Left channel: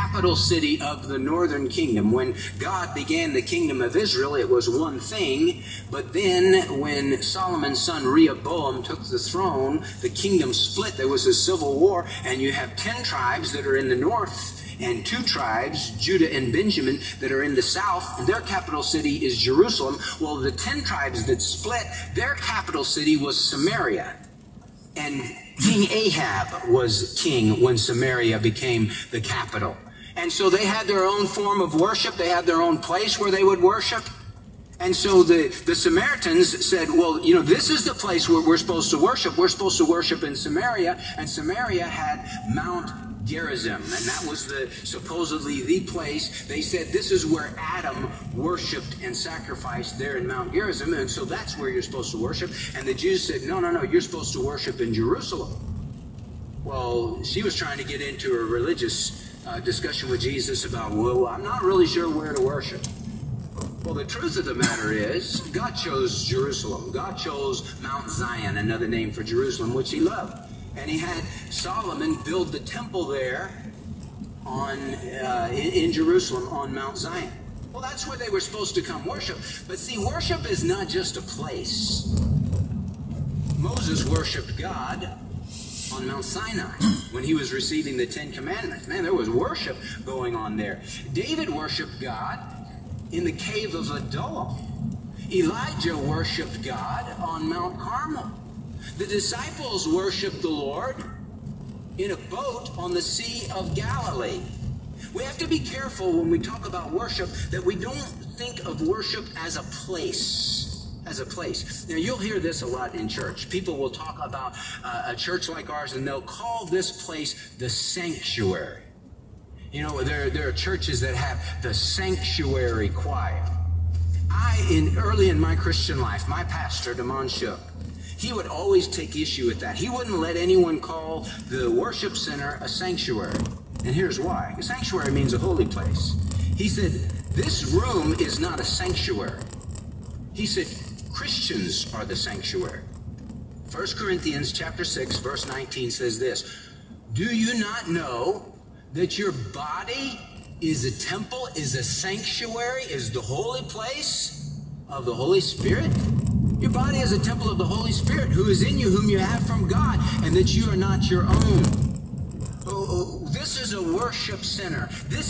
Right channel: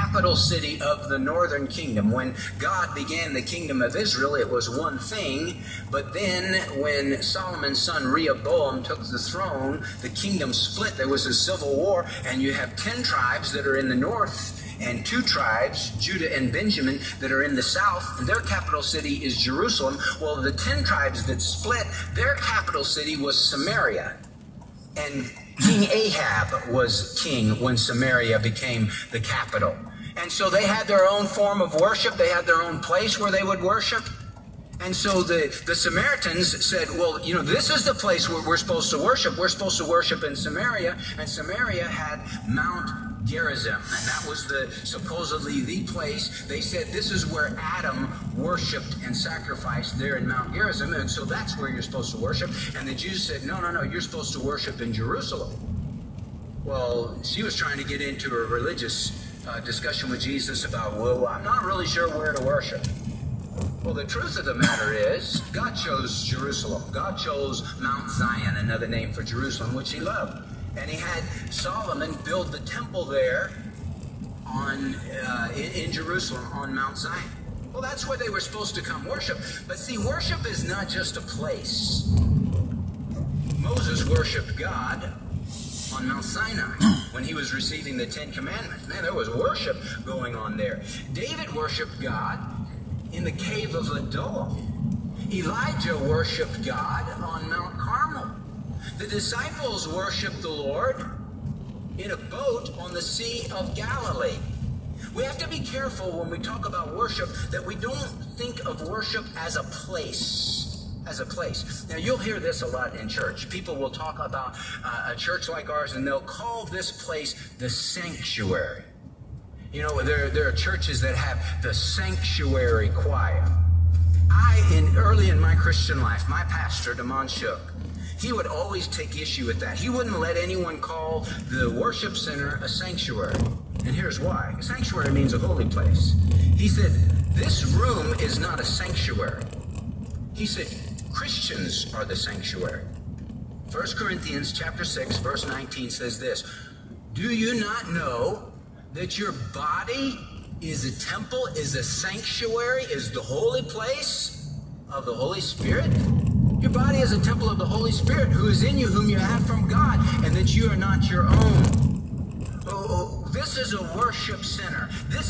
capital city of the northern kingdom. When God began the kingdom of Israel, it was one thing. But then when Solomon's son Rehoboam took the throne, the kingdom split. There was a civil war, and you have 10 tribes that are in the north and 2 tribes, Judah and Benjamin, that are in the south, and their capital city is Jerusalem. Well, the 10 tribes that split, their capital city was Samaria. And King Ahab was king when Samaria became the capital. And so they had their own form of worship. They had their own place where they would worship. And so the Samaritans said, well, you know, this is the place where we're supposed to worship. We're supposed to worship in Samaria. And Samaria had Mount Gerizim, and that was supposedly the place. They said this is where Adam worshipped and sacrificed there in Mount Gerizim, and so that's where you're supposed to worship. And the Jews said, no, you're supposed to worship in Jerusalem. Well, she was trying to get into a religious discussion with Jesus about, well, I'm not really sure where to worship. Well, the truth of the matter is, God chose Jerusalem. God chose Mount Zion, another name for Jerusalem, which he loved. And he had Solomon build the temple there in Jerusalem on Mount Zion. Well, that's where they were supposed to come worship. But see, worship is not just a place. Moses worshiped God on Mount Sinai when he was receiving the 10 Commandments. Man, there was worship going on there. David worshiped God in the cave of Adullam. Elijah worshiped God on Mount Carmel. The disciples worshiped the Lord in a boat on the Sea of Galilee. We have to be careful when we talk about worship that we don't think of worship as a place. Now, you'll hear this a lot in church. People will talk about a church like ours, and they'll call this place the sanctuary. You know, there are churches that have the sanctuary choir. Early in my Christian life, my pastor, Damon Shook, he would always take issue with that. He wouldn't let anyone call the worship center a sanctuary. And here's why. A sanctuary means a holy place. He said, this room is not a sanctuary. He said, Christians are the sanctuary. 1 Corinthians chapter 6, verse 19 says this, do you not know that your body is a temple, is a sanctuary, is the holy place of the Holy Spirit? Your body is a temple of the Holy Spirit who is in you, whom you have from God, and that you are not your own. Oh, this is a worship center. This